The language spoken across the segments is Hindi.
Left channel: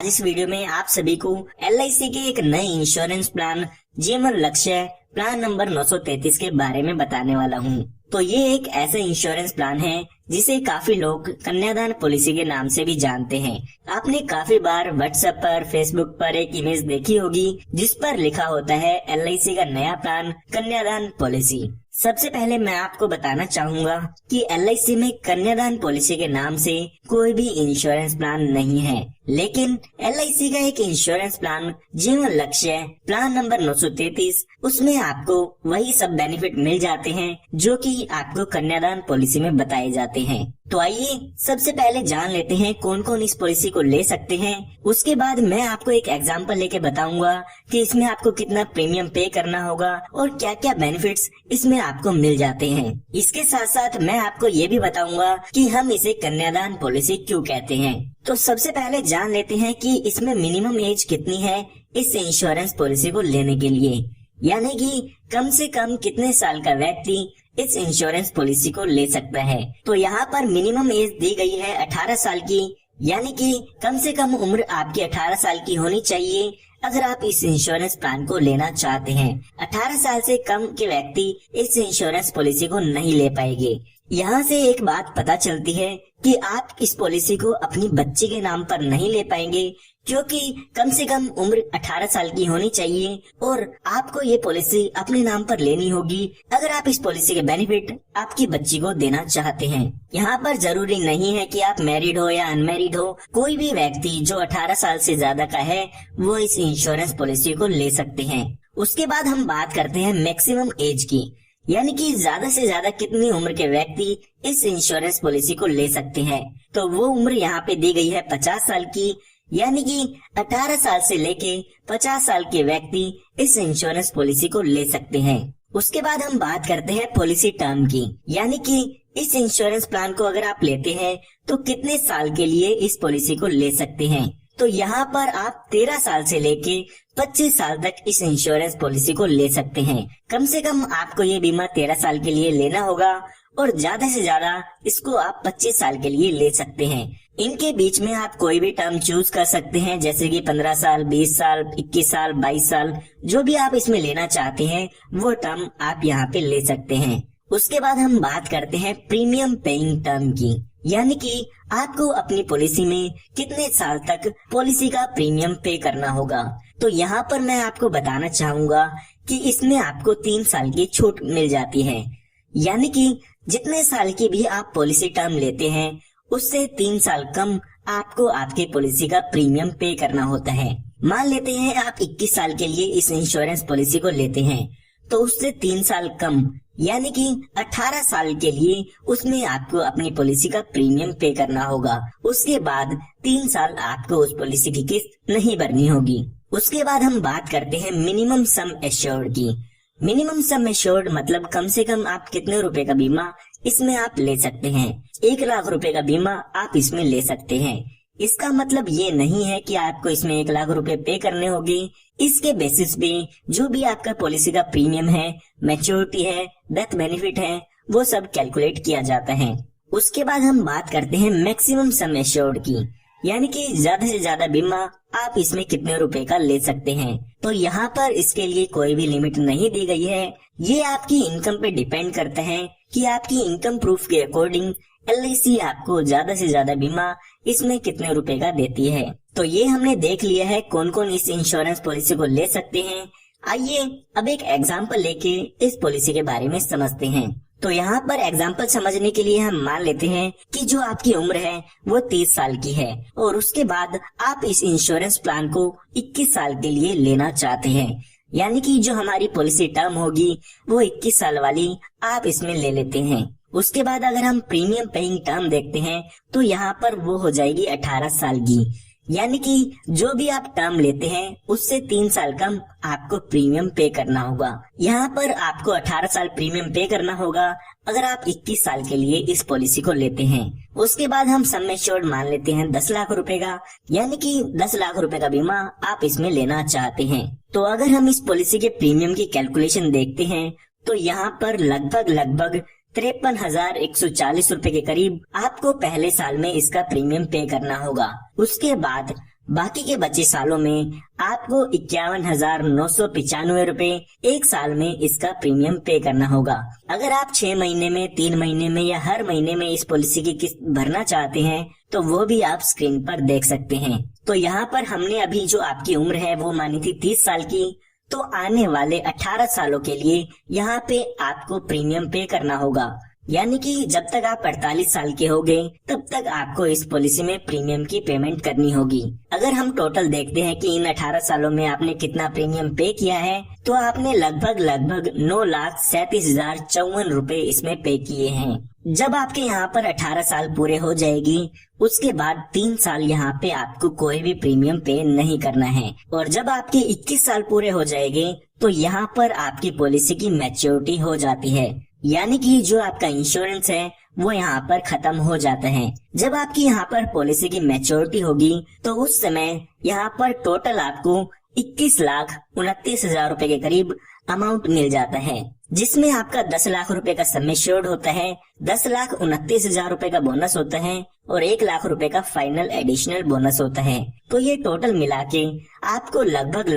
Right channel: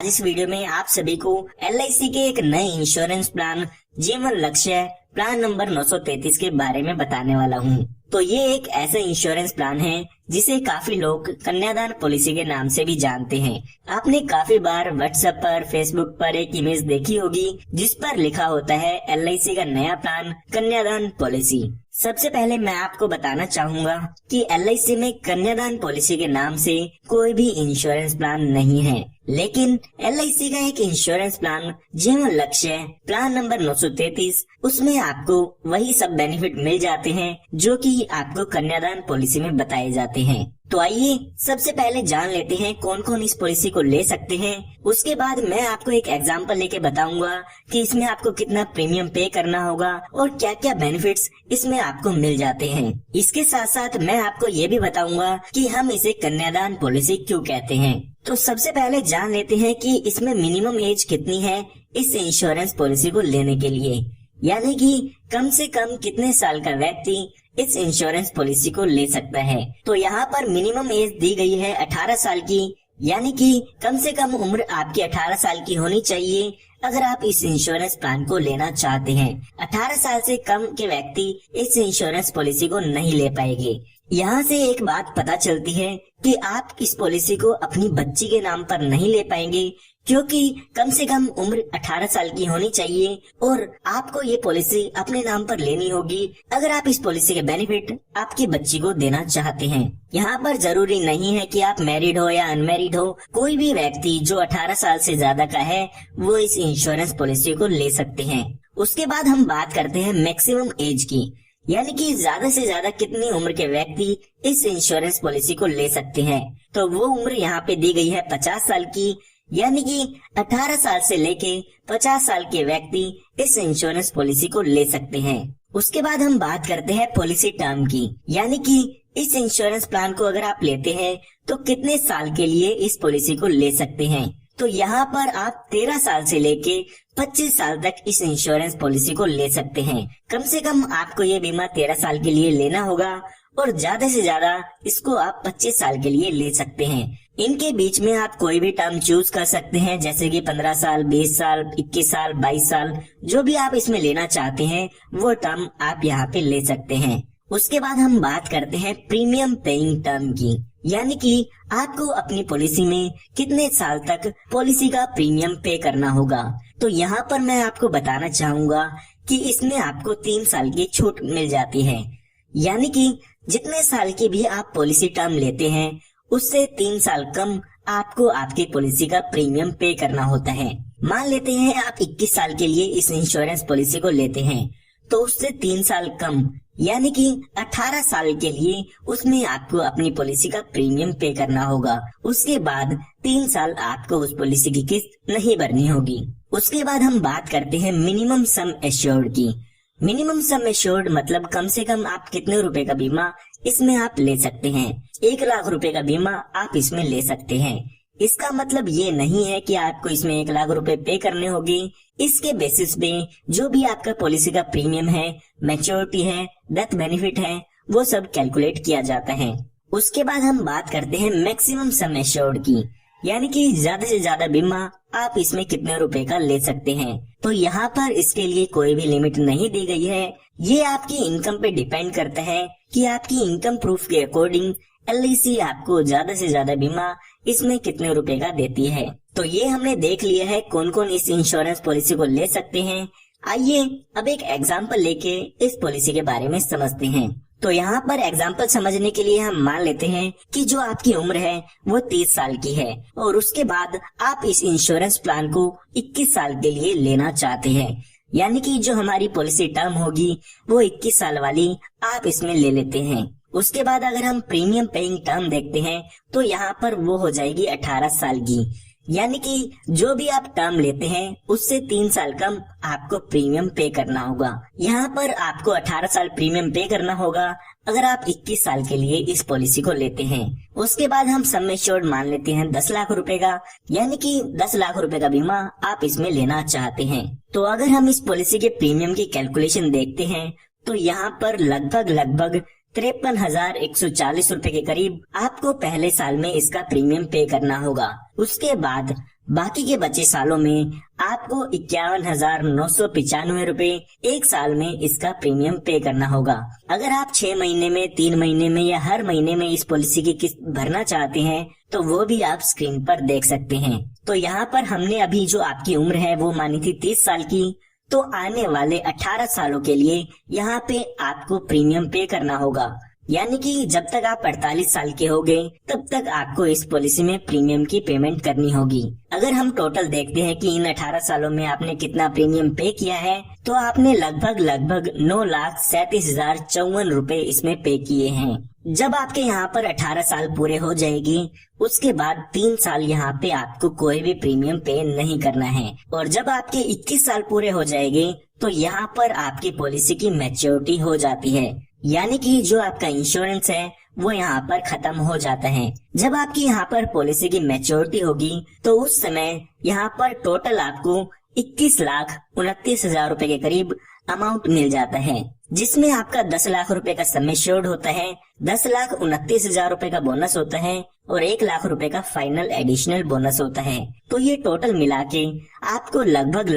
इस वीडियो में आप सभी को LIC के एक नए इंश्योरेंस प्लान जीवन लक्ष्य प्लान नंबर 933 के बारे में बताने वाला हूं। तो ये एक ऐसा इंश्योरेंस प्लान है जिसे काफी लोग कन्यादान पॉलिसी के नाम से भी जानते हैं। आपने काफी बार व्हाट्सएप पर, फेसबुक पर एक इमेज देखी होगी जिस पर लिखा होता है LIC का नया प्लान कन्यादान पॉलिसी। सबसे पहले मैं आपको बताना चाहूंगा कि LIC में कन्यादान पॉलिसी के नाम से कोई भी इंश्योरेंस प्लान नहीं है, लेकिन LIC का एक इंश्योरेंस प्लान जीवन लक्ष्य प्लान नंबर 933, उसमें आपको वही सब बेनिफिट मिल जाते हैं जो कि आपको कन्यादान पॉलिसी में बताए जाते हैं। तो आइए सबसे पहले जान लेते हैं कौन कौन इस पॉलिसी को ले सकते हैं। उसके बाद मैं आपको एक एग्जांपल लेके बताऊंगा कि इसमें आपको कितना प्रीमियम पे करना होगा और क्या क्या बेनिफिट्स इसमें आपको मिल जाते हैं। इसके साथ साथ मैं आपको ये भी बताऊंगा कि हम इसे कन्यादान पॉलिसी क्यों कहते हैं। तो सबसे पहले जान लेते हैं कि इसमें मिनिमम एज कितनी है इस इंश्योरेंस पॉलिसी को लेने के लिए, यानी कि कम से कम कितने साल का व्यक्ति इस इंश्योरेंस पॉलिसी को ले सकता है। तो यहाँ पर मिनिमम एज दी गई है 18 साल की, यानी कि कम से कम उम्र आपकी 18 साल की होनी चाहिए अगर आप इस इंश्योरेंस प्लान को लेना चाहते हैं। 18 साल से कम के व्यक्ति इस इंश्योरेंस पॉलिसी को नहीं ले पाएंगे। यहाँ से एक बात पता चलती है कि आप इस पॉलिसी को अपनी बच्ची के नाम पर नहीं ले पाएंगे, क्योंकि कम से कम उम्र 18 साल की होनी चाहिए और आपको ये पॉलिसी अपने नाम पर लेनी होगी अगर आप इस पॉलिसी के बेनिफिट आपकी बच्ची को देना चाहते हैं। यहाँ पर जरूरी नहीं है कि आप मैरिड हो या अनमैरिड हो, कोई भी व्यक्ति जो 18 साल से ज्यादा का है वो इस इंश्योरेंस पॉलिसी को ले सकते हैं। उसके बाद हम बात करते हैं मैक्सिमम एज की, यानी कि ज्यादा से ज्यादा कितनी उम्र के व्यक्ति इस इंश्योरेंस पॉलिसी को ले सकते हैं। तो वो उम्र यहाँ पे दी गई है 50 साल की, यानी कि 18 साल से लेके 50 साल के व्यक्ति इस इंश्योरेंस पॉलिसी को ले सकते हैं। उसके बाद हम बात करते हैं पॉलिसी टर्म की, यानी कि इस इंश्योरेंस प्लान को अगर आप लेते हैं तो कितने साल के लिए इस पॉलिसी को ले सकते हैं। तो यहाँ पर आप 13 साल से लेके 25 साल तक इस इंश्योरेंस पॉलिसी को ले सकते हैं। कम से कम आपको ये बीमा 13 साल के लिए लेना होगा और ज्यादा से ज्यादा इसको आप 25 साल के लिए ले सकते हैं। इनके बीच में आप कोई भी टर्म चूज कर सकते हैं, जैसे कि 15 साल, 20 साल, 21 साल, 22 साल, जो भी आप इसमें लेना चाहते हैं वो टर्म आप यहाँ पे ले सकते हैं। उसके बाद हम बात करते हैं प्रीमियम पेइंग टर्म की, यानी कि आपको अपनी पॉलिसी में कितने साल तक पॉलिसी का प्रीमियम पे करना होगा। तो यहाँ पर मैं आपको बताना चाहूंगा कि इसमें आपको 3 साल की छूट मिल जाती है, यानी कि जितने साल की भी आप पॉलिसी टर्म लेते हैं उससे 3 साल कम आपको आपकी पॉलिसी का प्रीमियम पे करना होता है। मान लेते हैं आप 21 साल के लिए इस इंश्योरेंस पॉलिसी को लेते हैं, तो उससे 3 साल कम यानी कि 18 साल के लिए उसमें आपको अपनी पॉलिसी का प्रीमियम पे करना होगा। उसके बाद 3 साल आपको उस पॉलिसी की किस्त नहीं भरनी होगी। उसके बाद हम बात करते हैं मिनिमम सम एश्योर्ड की। मिनिमम सम एश्योर्ड मतलब कम से कम आप कितने रुपए का बीमा इसमें आप ले सकते हैं। 1 लाख रुपए का बीमा आप इसमें ले सकते हैं। इसका मतलब ये नहीं है कि आपको इसमें 1 लाख रुपए पे करने होंगे। इसके बेसिस पे जो भी आपका पॉलिसी का प्रीमियम है, मैच्योरिटी है, डेथ बेनिफिट है, वो सब कैलकुलेट किया जाता है। उसके बाद हम बात करते हैं मैक्सिमम सम एश्योर्ड की, यानी कि ज्यादा से ज्यादा बीमा आप इसमें कितने रुपए का ले सकते हैं। तो यहाँ पर इसके लिए कोई भी लिमिट नहीं दी गई है। ये आपकी इनकम पे डिपेंड करता है कि आपकी इनकम प्रूफ के अकॉर्डिंग LIC आपको ज्यादा से ज्यादा बीमा इसमें कितने रुपए का देती है। तो ये हमने देख लिया है कौन कौन इस इंश्योरेंस पॉलिसी को ले सकते हैं। आइए अब एक एग्जाम्पल लेके इस पॉलिसी के बारे में समझते हैं। तो यहाँ पर एग्जाम्पल समझने के लिए हम मान लेते हैं कि जो आपकी उम्र है वो 30 साल की है और उसके बाद आप इस इंश्योरेंस प्लान को 21 साल के लिए लेना चाहते हैं, यानी कि जो हमारी पॉलिसी टर्म होगी वो 21 साल वाली आप इसमें ले लेते हैं। उसके बाद अगर हम प्रीमियम पेइंग टर्म देखते हैं तो यहाँ पर वो हो जाएगी 18 साल की, यानी कि जो भी आप टर्म लेते हैं उससे 3 साल कम आपको प्रीमियम पे करना होगा। यहाँ पर आपको 18 साल प्रीमियम पे करना होगा अगर आप 21 साल के लिए इस पॉलिसी को लेते हैं। उसके बाद हम सम एश्योर्ड मान लेते हैं 10 लाख रुपए का, यानी कि 10 लाख रुपए का बीमा आप इसमें लेना चाहते हैं। तो अगर हम इस पॉलिसी के प्रीमियम की कैलकुलेशन देखते हैं तो यहाँ पर लगभग 53,140 रुपए के करीब आपको पहले साल में इसका प्रीमियम पे करना होगा। उसके बाद बाकी के बचे सालों में आपको 51,995 रुपए एक साल में इसका प्रीमियम पे करना होगा। अगर आप 6 महीने में, 3 महीने में या हर महीने में इस पॉलिसी की किस्त भरना चाहते हैं तो वो भी आप स्क्रीन पर देख सकते हैं। तो यहाँ पर हमने अभी जो आपकी उम्र है वो मानी थी 30 साल की, तो आने वाले 18 सालों के लिए यहाँ पे आपको प्रीमियम पे करना होगा। यानी कि जब तक आप 48 साल के होंगे तब तक आपको इस पॉलिसी में प्रीमियम की पेमेंट करनी होगी। अगर हम टोटल देखते हैं कि इन 18 सालों में आपने कितना प्रीमियम पे किया है, तो आपने लगभग 9,37,054 रुपए इसमें पे किए हैं। जब आपके यहाँ पर 18 साल पूरे हो जाएगी, उसके बाद 3 साल यहाँ पे आपको कोई भी प्रीमियम पे नहीं करना है, और जब आपके 21 साल पूरे हो जाएंगे तो यहाँ पर आपकी पॉलिसी की मैच्योरिटी हो जाती है। यानी कि जो आपका इंश्योरेंस है वो यहाँ पर खत्म हो जाता है। जब आपकी यहाँ पर पॉलिसी की मैच्योरिटी होगी तो उस समय यहाँ पर टोटल आपको 21,29,000 रुपए के करीब अमाउंट मिल जाता है, जिसमें आपका 10 लाख रुपए का सम एश्योर्ड होता है, 10,29,000 रुपए का बोनस होता है और 1 लाख रुपए का फाइनल एडिशनल बोनस होता है। तो ये टोटल मिला के आपको लगभग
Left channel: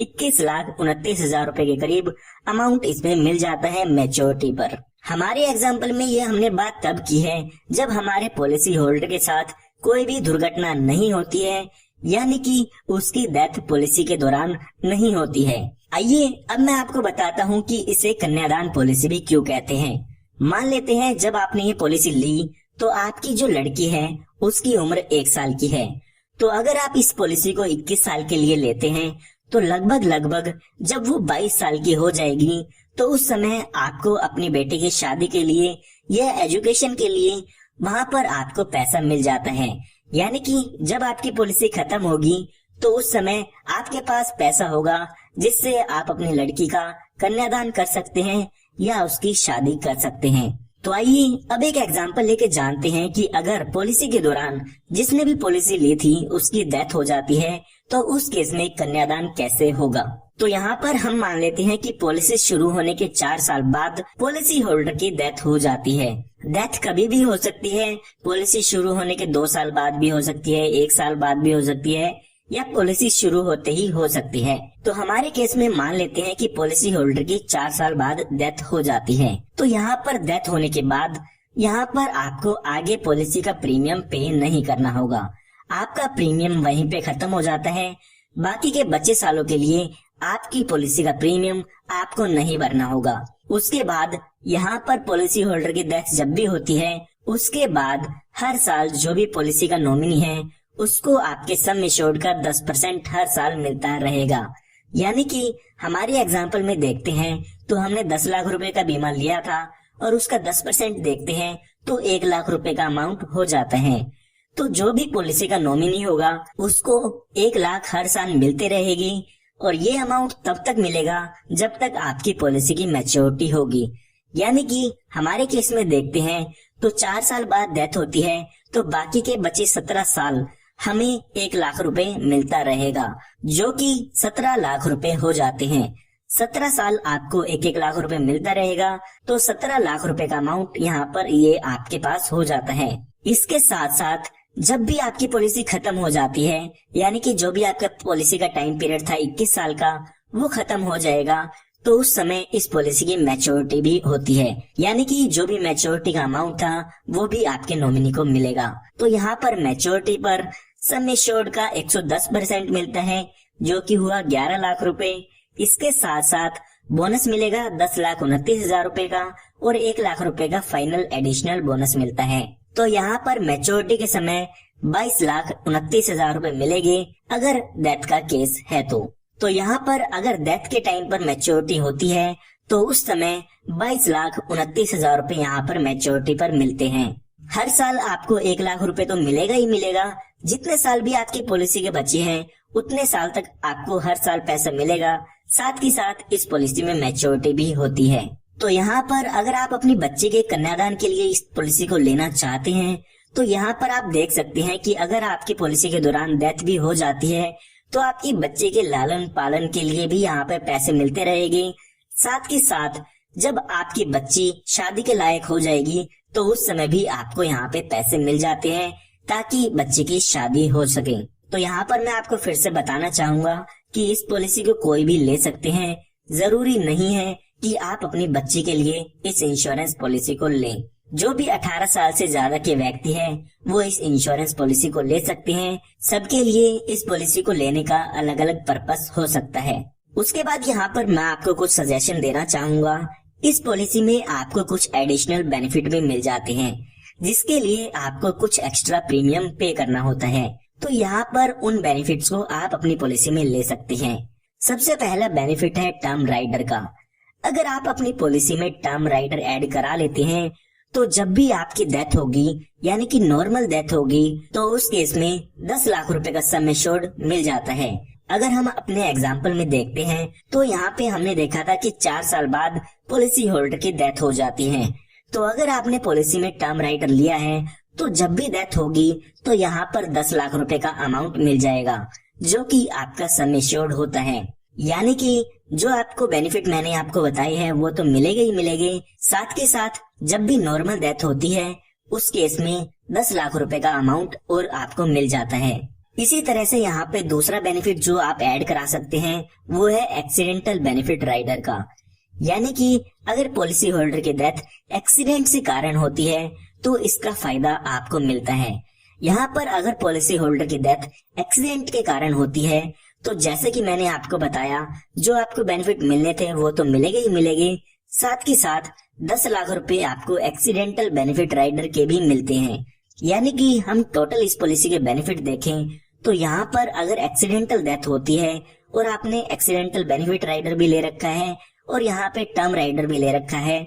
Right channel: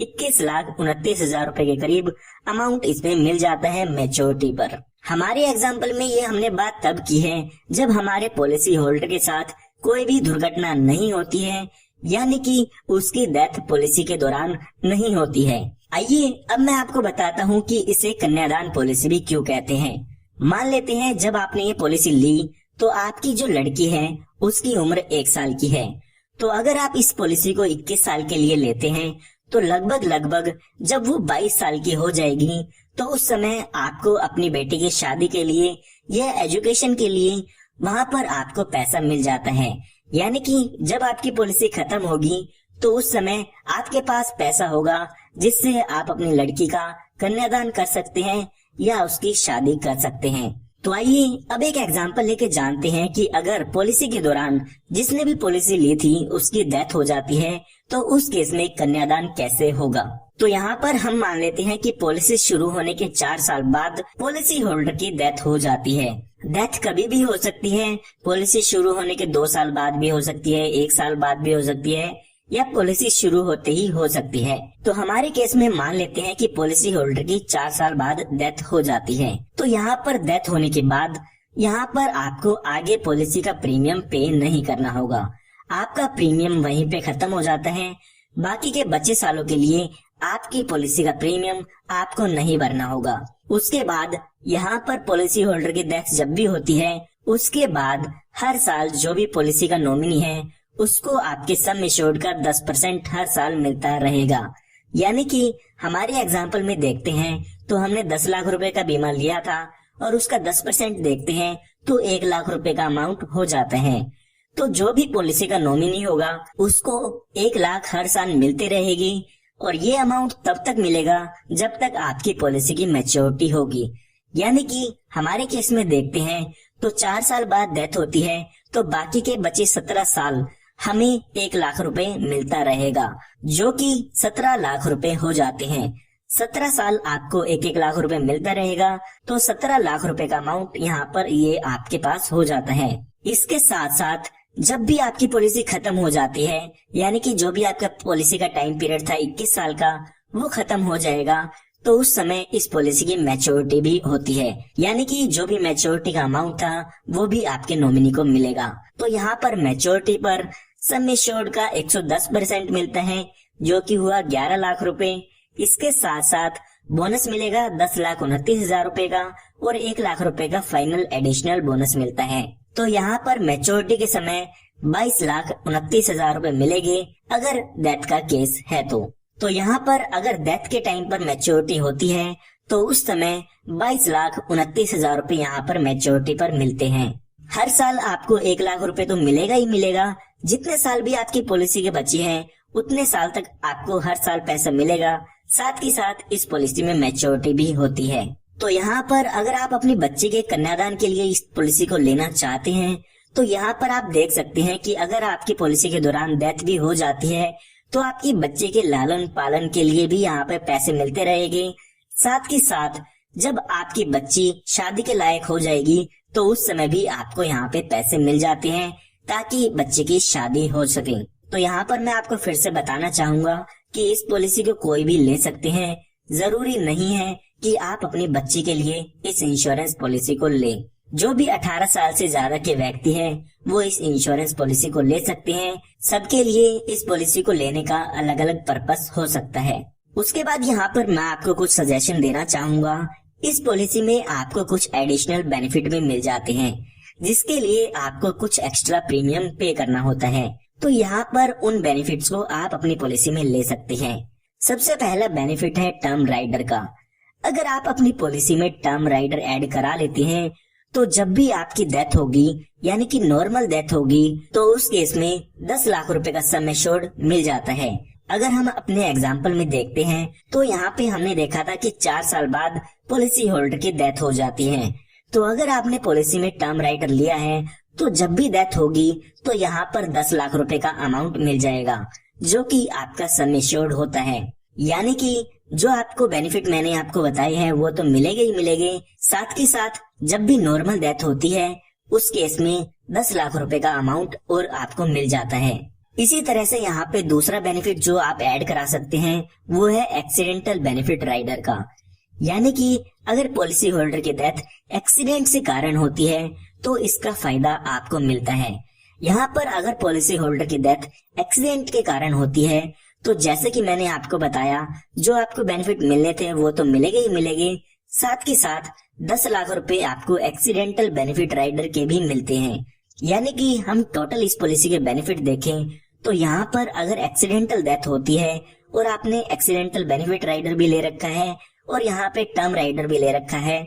21,29,000 रुपए के करीब अमाउंट इसमें मिल जाता है मैच्योरिटी पर। हमारे एग्जाम्पल में ये हमने बात तब की है जब हमारे पॉलिसी होल्डर के साथ कोई भी दुर्घटना नहीं होती है, यानी कि उसकी डेथ पॉलिसी के दौरान नहीं होती है। आइए अब मैं आपको बताता हूँ कि इसे कन्यादान पॉलिसी भी क्यों कहते हैं। मान लेते हैं जब आपने ये पॉलिसी ली तो आपकी जो लड़की है उसकी उम्र 1 साल की है। तो अगर आप इस पॉलिसी को 21 साल के लिए लेते हैं तो लगभग जब वो 22 साल की हो जाएगी तो उस समय आपको अपनी बेटी की शादी के लिए या एजुकेशन के लिए वहाँ पर आपको पैसा मिल जाता है। यानी कि जब आपकी पॉलिसी खत्म होगी तो उस समय आपके पास पैसा होगा जिससे आप अपनी लड़की का कन्यादान कर सकते हैं या उसकी शादी कर सकते हैं। तो आइए अब एक एग्जांपल लेके जानते हैं कि अगर पॉलिसी के दौरान जिसने भी पॉलिसी ली थी उसकी डेथ हो जाती है तो उस केस में कन्यादान कैसे होगा। तो यहाँ पर हम मान लेते हैं कि पॉलिसी शुरू होने के 4 साल बाद पॉलिसी होल्डर की डेथ हो जाती है। डेथ कभी भी हो सकती है, पॉलिसी शुरू होने के 2 साल बाद भी हो सकती है, 1 साल बाद भी हो सकती है, या पॉलिसी शुरू होते ही हो सकती है। तो हमारे केस में मान लेते हैं कि पॉलिसी होल्डर की 4 साल बाद डेथ हो जाती है। तो यहाँ पर डेथ होने के बाद यहाँ पर आपको आगे पॉलिसी का प्रीमियम पे नहीं करना होगा, आपका प्रीमियम वहीं पे खत्म हो जाता है। बाकी के बचे सालों के लिए आपकी पॉलिसी का प्रीमियम आपको नहीं भरना होगा। उसके बाद यहाँ पर पॉलिसी होल्डर की डेथ जब भी होती है उसके बाद हर साल जो भी पॉलिसी का नॉमिनी है उसको आपके सम एश्योर्ड का 10% हर साल मिलता रहेगा। यानी कि हमारे एग्जाम्पल में देखते हैं तो हमने 10 लाख रुपए का बीमा लिया था और उसका 10% देखते हैं तो 1 लाख रुपए का अमाउंट हो जाता है। तो जो भी पॉलिसी का नॉमिनी होगा उसको 1 लाख हर साल मिलते रहेगी और ये अमाउंट तब तक मिलेगा जब तक आपकी पॉलिसी की मैच्योरिटी होगी। यानी कि हमारे केस में देखते हैं तो 4 साल बाद डेथ होती है तो बाकी के बचे 17 साल हमें 1 लाख रुपए मिलता रहेगा, जो कि 17 लाख रुपए हो जाते हैं। 17 साल आपको 1-1 लाख रुपए मिलता रहेगा तो 17 लाख रुपए का अमाउंट यहाँ पर ये आपके पास हो जाता है। इसके साथ साथ जब भी आपकी पॉलिसी खत्म हो जाती है, यानी कि जो भी आपका पॉलिसी का टाइम पीरियड था 21 साल का वो खत्म हो जाएगा, तो उस समय इस पॉलिसी की मैच्योरिटी भी होती है। यानी कि जो भी मैच्योरिटी का अमाउंट था वो भी आपके नॉमिनी को मिलेगा। तो यहाँ पर मैच्योरिटी पर सम एश्योर्ड का 110% मिलता है, जो कि हुआ 11 लाख रुपए। इसके साथ साथ बोनस मिलेगा 10,29,000 रुपए का और 1 लाख रुपए का फाइनल एडिशनल बोनस मिलता है। तो यहाँ पर मैच्योरिटी के समय 22,29,000 रुपए मिलेगी अगर डेथ का केस है तो यहाँ पर अगर डेथ के टाइम पर मैच्योरिटी होती है तो उस समय 22,29,000 रुपए यहाँ पर मैच्योरिटी पर मिलते हैं। हर साल आपको 1 लाख रुपए तो मिलेगा ही मिलेगा। जितने साल भी आपकी पॉलिसी के बचे हैं उतने साल तक आपको हर साल पैसा मिलेगा। साथ ही साथ इस पॉलिसी में मैच्योरिटी भी होती है। तो यहाँ पर अगर आप अपनी बच्ची के कन्यादान के लिए इस पॉलिसी को लेना चाहते हैं तो यहाँ पर आप देख सकते हैं कि अगर आपकी पॉलिसी के दौरान डेथ भी हो जाती है तो आपकी बच्चे के लालन पालन के लिए भी यहाँ पे पैसे मिलते रहेंगे। साथ ही साथ जब आपकी बच्ची शादी के लायक हो जाएगी तो उस समय भी आपको यहाँ पे पैसे मिल जाते हैं ताकि बच्चे की शादी हो सके। तो यहाँ पर मैं आपको फिर से बताना चाहूंगा कि इस पॉलिसी को कोई भी ले सकते हैं। जरूरी नहीं है कि आप अपनी बच्ची के लिए इस इंश्योरेंस पॉलिसी को लें। जो भी 18 साल से ज्यादा के व्यक्ति हैं, वो इस इंश्योरेंस पॉलिसी को ले सकते हैं। सबके लिए इस पॉलिसी को लेने का अलग अलग पर्पस हो सकता है। उसके बाद यहाँ पर मैं आपको कुछ सजेशन देना चाहूंगा। इस पॉलिसी में आपको कुछ एडिशनल बेनिफिट भी मिल जाते हैं, जिसके लिए आपको कुछ एक्स्ट्रा प्रीमियम पे करना होता है। तो यहाँ पर उन बेनिफिट्स को आप अपनी पॉलिसी में ले सकते हैं। सबसे पहला बेनिफिट है टर्म राइडर का। अगर आप अपनी पॉलिसी में टर्म राइडर ऐड करा लेते हैं, तो जब भी आपकी डेथ होगी, यानी कि नॉर्मल डेथ होगी, तो उस केस में 10 लाख रुपए का सम एश्योर्ड मिल जाता है। अगर हम अपने एग्जाम्पल में देखते हैं, तो यहाँ पे हमने देखा था कि 4 साल बाद पॉलिसी होल्डर की डेथ हो जाती है। तो अगर आपने पॉलिसी में टर्म राइडर लिया है, तो जब भी डेथ होगी, तो यहाँ पर 10 लाख रुपए का अमाउंट मिल जाएगा, जो कि आपका सम एश्योर्ड होता है। यानी कि जो आपको बेनिफिट मैंने आपको बताई है वो तो मिलेगा ही मिलेंगे, साथ के साथ जब भी नॉर्मल डेथ होती है, उस केस में 10 लाख रुपए का अमाउंट और आपको मिल जाता है। इसी तरह से यहाँ पे दूसरा बेनिफिट जो आप ऐड करा सकते हैं, वो है एक्सीडेंटल बेनिफिट राइडर का। यानी कि अगर पॉलिसी होल्डर की डेथ एक्सीडेंट से कारण होती है, तो इसका फायदा आपको मिलता है। यहाँ पर अगर पॉलिसी होल्डर की डेथ एक्सीडेंट के कारण होती है, तो जैसे कि मैंने आपको बताया, जो आपको बेनिफिट मिलने थे वो तो मिलेंगे ही मिलेंगे, साथ के साथ 10 लाख रुपए आपको एक्सीडेंटल बेनिफिट राइडर के भी मिलते हैं। यानी कि हम टोटल इस पॉलिसी के बेनिफिट देखें, तो यहाँ पर अगर एक्सीडेंटल डेथ होती है और आपने एक्सीडेंटल बेनिफिट राइडर भी ले रखा है और यहाँ पे टर्म राइडर भी ले रखा है,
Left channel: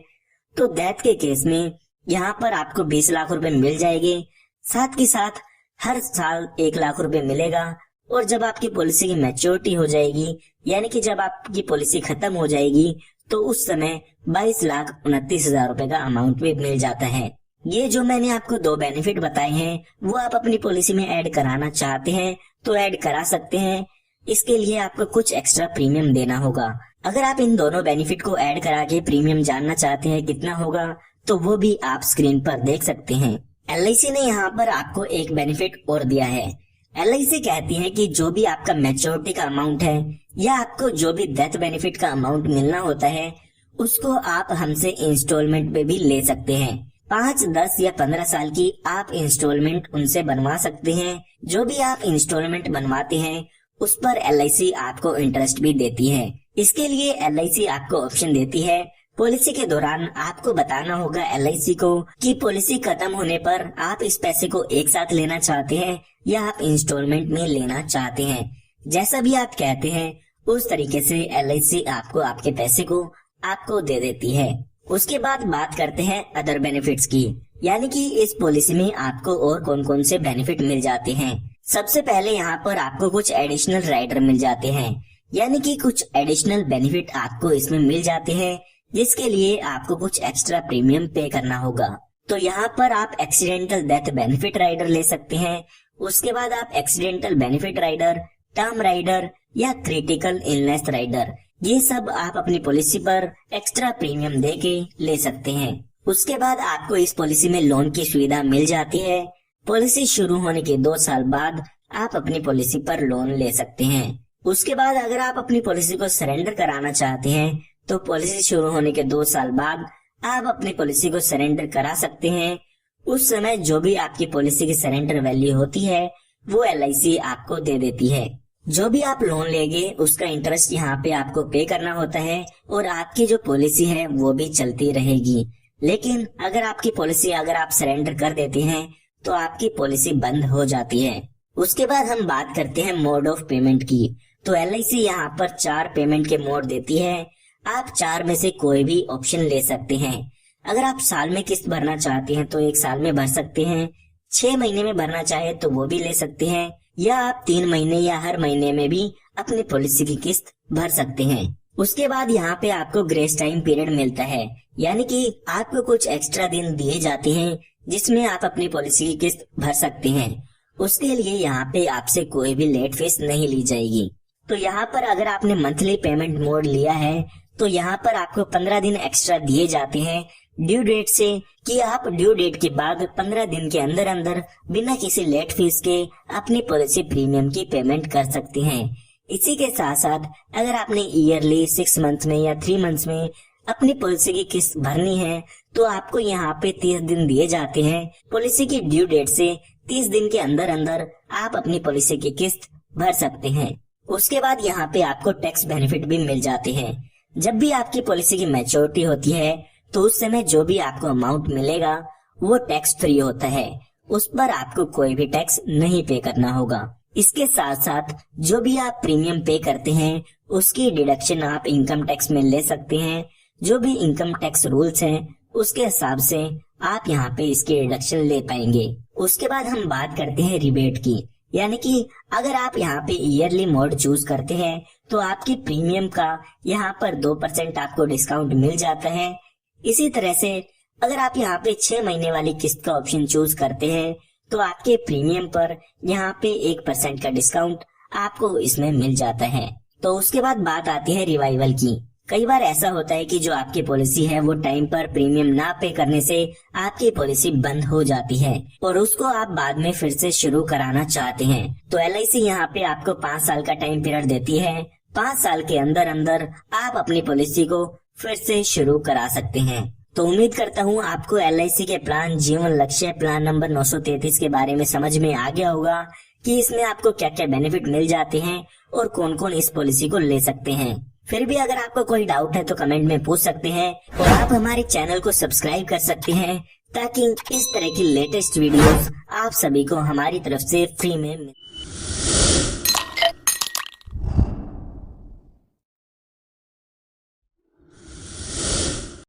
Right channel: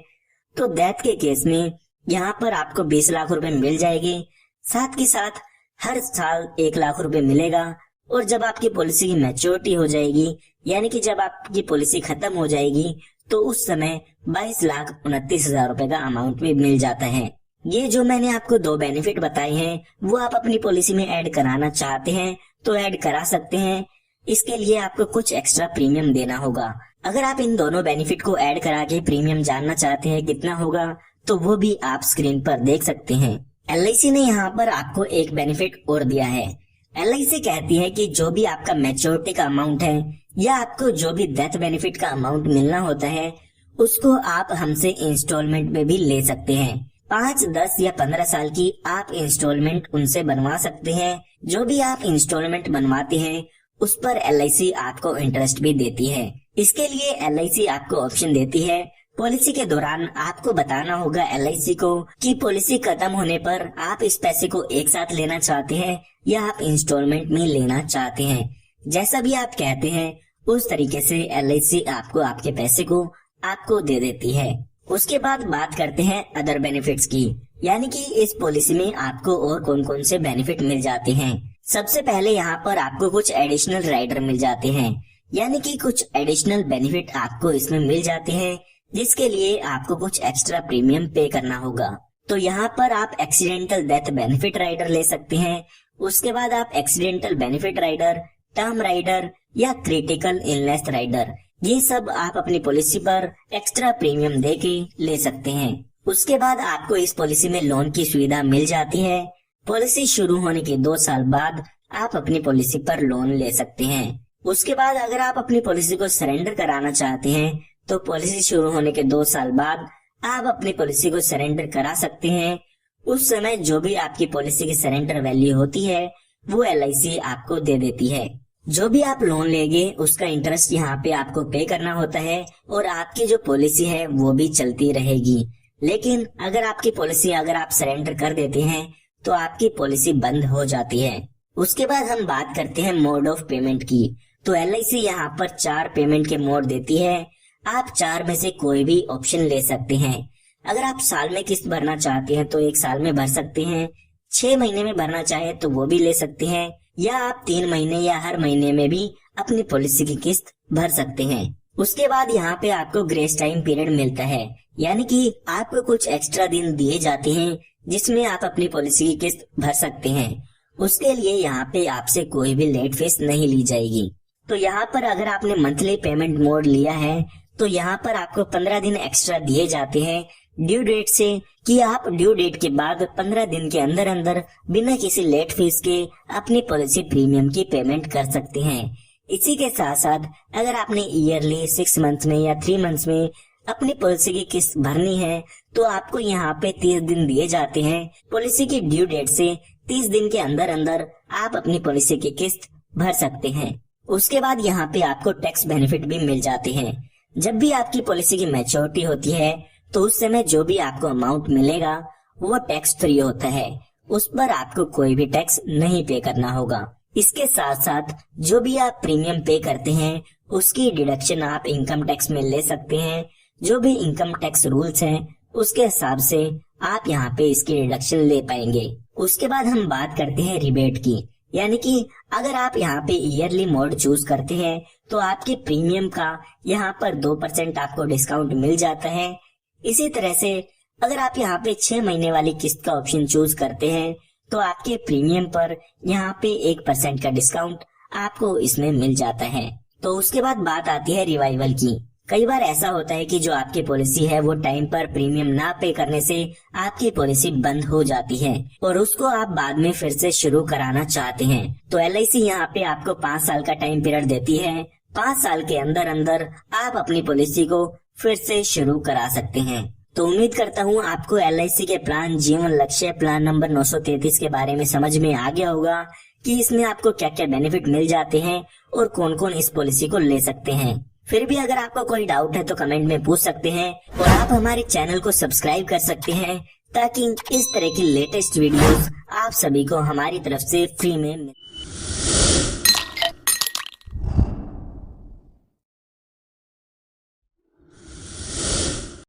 तो डेथ के केस में यहाँ पर आपको 20 लाख रुपए मिल जाएंगे। साथ के साथ हर साल 1 लाख रुपए मिलेगा, और जब आपकी पॉलिसी की मैच्योरिटी हो जाएगी, यानी कि जब आपकी पॉलिसी खत्म हो जाएगी, तो उस समय 22,29,000 रुपए का अमाउंट भी मिल जाता है। ये जो मैंने आपको 2 बेनिफिट बताए हैं, वो आप अपनी पॉलिसी में ऐड कराना चाहते हैं तो ऐड करा सकते हैं। इसके लिए आपको कुछ एक्स्ट्रा प्रीमियम देना होगा। अगर आप इन दोनों बेनिफिट को ऐड करा के प्रीमियम जानना चाहते हैं कितना होगा, तो वो भी आप स्क्रीन पर देख सकते हैं। LIC ने यहाँ पर आपको एक बेनिफिट और दिया है। LIC कहती है कि जो भी आपका मैच्योरिटी का अमाउंट है या आपको जो भी डेथ बेनिफिट का अमाउंट मिलना होता है, उसको आप हमसे इंस्टॉलमेंट में भी ले सकते हैं। 5, 10 या 15 साल की आप इंस्टॉलमेंट उनसे बनवा सकते हैं। जो भी आप इंस्टॉलमेंट बनवाते हैं, उस पर LIC आपको इंटरेस्ट भी देती है। इसके लिए LIC आपको ऑप्शन देती है, पॉलिसी के दौरान आपको बताना होगा LIC को कि पॉलिसी खत्म होने पर आप इस पैसे को एक साथ लेना चाहते हैं या आप इंस्टॉलमेंट में लेना चाहते हैं। जैसा भी आप कहते हैं, उस तरीके से LIC आपको आपके पैसे को आपको दे देती है। उसके बाद बात करते हैं अदर बेनिफिट्स की, यानी कि इस पॉलिसी में आपको और कौन कौन से बेनिफिट मिल जाते हैं। सबसे पहले यहाँ पर आपको कुछ एडिशनल राइडर मिल जाते हैं, यानी कि कुछ एडिशनल बेनिफिट आपको इसमें मिल जाते हैं, जिसके लिए आपको कुछ एक्स्ट्रा प्रीमियम पे करना होगा। तो यहाँ पर आप एक्सीडेंटल डेथ बेनिफिट राइडर ले सकते हैं। उसके बाद आप accidental benefit rider, term rider या क्रिटिकल इलनेस राइडर, ये सब आप अपनी पॉलिसी पर एक्स्ट्रा प्रीमियम दे के ले सकते हैं। उसके बाद आपको इस पॉलिसी में लोन की सुविधा मिल जाती है। पॉलिसी शुरू होने के 2 साल बाद आप अपनी पॉलिसी पर लोन ले सकते हैं। उसके बाद अगर आप अपनी पॉलिसी को सरेंडर कराना चाहते हैं, तो पॉलिसी शुरू होने के 2 साल बाद आप अपनी पॉलिसी को सरेंडर करा सकते हैं। उस समय जो भी आपकी पॉलिसी की सरेंडर वैल्यू होती है, वो LIC आपको दे देती है। जो भी आप लोन लेंगे उसका इंटरेस्ट यहाँ पे आपको पे करना होता है, और आपकी जो पॉलिसी है वो भी चलती रहेगी। लेकिन अगर आपकी पॉलिसी अगर आप सरेंडर कर देते हैं, तो आपकी पॉलिसी बंद हो जाती है। उसके बाद हम बात करते हैं मोड ऑफ पेमेंट की। तो LIC यहाँ पर 4 पेमेंट के मोड देती है। आप 4 में से कोई भी ऑप्शन ले सकते हैं। अगर आप साल में किस्त भरना चाहते हैं तो 1 साल में भर सकते हैं, 6 महीने में भरना चाहे तो वो भी ले सकते हैं, या आप 3 महीने या हर महीने में भी अपनी पॉलिसी की किस्त भर सकते हैं। उसके बाद यहाँ पे आपको ग्रेस टाइम पीरियड मिलता है, यानी कि आपको कुछ एक्स्ट्रा दिन दिए जाते हैं जिसमें आप अपनी पॉलिसी की किस्त भर सकते हैं। उसके लिए यहाँ पे आपसे कोई भी लेट फीस नहीं ली जाएगी। तो यहाँ पर अगर आपने मंथली पेमेंट मोड लिया है, तो यहाँ पर आपको 15 दिन एक्स्ट्रा दिए जाते हैं, ड्यू डेट से कि आप ड्यू डेट के बाद 15 दिन के अंदर अंदर बिना किसी लेट फीस के अपनी पॉलिसी प्रीमियम की पेमेंट कर सकते हैं। इसी के साथ साथ अगर आपने ईयरली 6 मंथ में या 3 मंथ्स में अपनी पॉलिसी की किस्त भरनी है तो आपको यहाँ पे 30 दिन दिए जाते हैं। पॉलिसी की ड्यू डेट से 30 दिन के अंदर अंदर आप अपनी पॉलिसी की किस्त भर सकते हैं। उसके बाद यहाँ पे आपको टैक्स बेनिफिट भी मिल जाते हैं। जब भी आपकी पॉलिसी की मैच्योरिटी होती है तो उस समय जो भी आपको अमाउंट मिलेगा वो टैक्स फ्री होता है, उस पर आपको कोई भी टैक्स नहीं पे करना होगा। इसके साथ साथ जो भी आप प्रीमियम पे करते हैं उसकी डिडक्शन आप इनकम टैक्स में ले सकते हैं। जो भी इनकम टैक्स रूल्स हैं उसके हिसाब से आप यहाँ पे इसकी डिडक्शन ले पाएंगे। उसके बाद हम बात करते हैं रिबेट की, यानी कि अगर आप यहाँ पे ईयरली मोड चूज करते हैं तो आपके प्रीमियम का यहाँ पर 2% आपको डिस्काउंट मिल जाता है। इसी तरह से अगर आप यहाँ पे 6 महीने वाली किस्त का ऑप्शन चूज करते हैं तो आपके प्रीमियम पर यहाँ पे 1% का डिस्काउंट आपको इसमें मिल जाता है। तो उसके बाद बात आती है रिवाइवल की। कई बार ऐसा होता है कि जो आपकी पॉलिसी है वो टाइम पर प्रीमियम ना पे करने से आपकी पॉलिसी बंद हो जाती है और उसको आप बाद में फिर से शुरू कराना चाहते हैं। तो LIC यहाँ पे आपको 5 साल का टाइम पीरियड देती है। 5 साल के अंदर अंदर आप अपनी पॉलिसी को फिर से शुरू करा सकते हैं। तो उम्मीद करता हूँ आपको LIC के प्लान जीवन लक्ष्य प्लान नंबर 933 के बारे में समझ में आ गया होगा कि इसमें आपको क्या क्या बेनिफिट मिल जाते हैं और कौन कौन इस पॉलिसी को ले सकते हैं। फिर भी अगर आपको कोई डाउट है तो कमेंट में पूछ सकते हैं और आप हमारे चैनल को सब्सक्राइब कर सकते हैं ताकि इस तरह की लेटेस्ट वीडियोस आप सभी को हमारी तरफ से फ्री में मिले।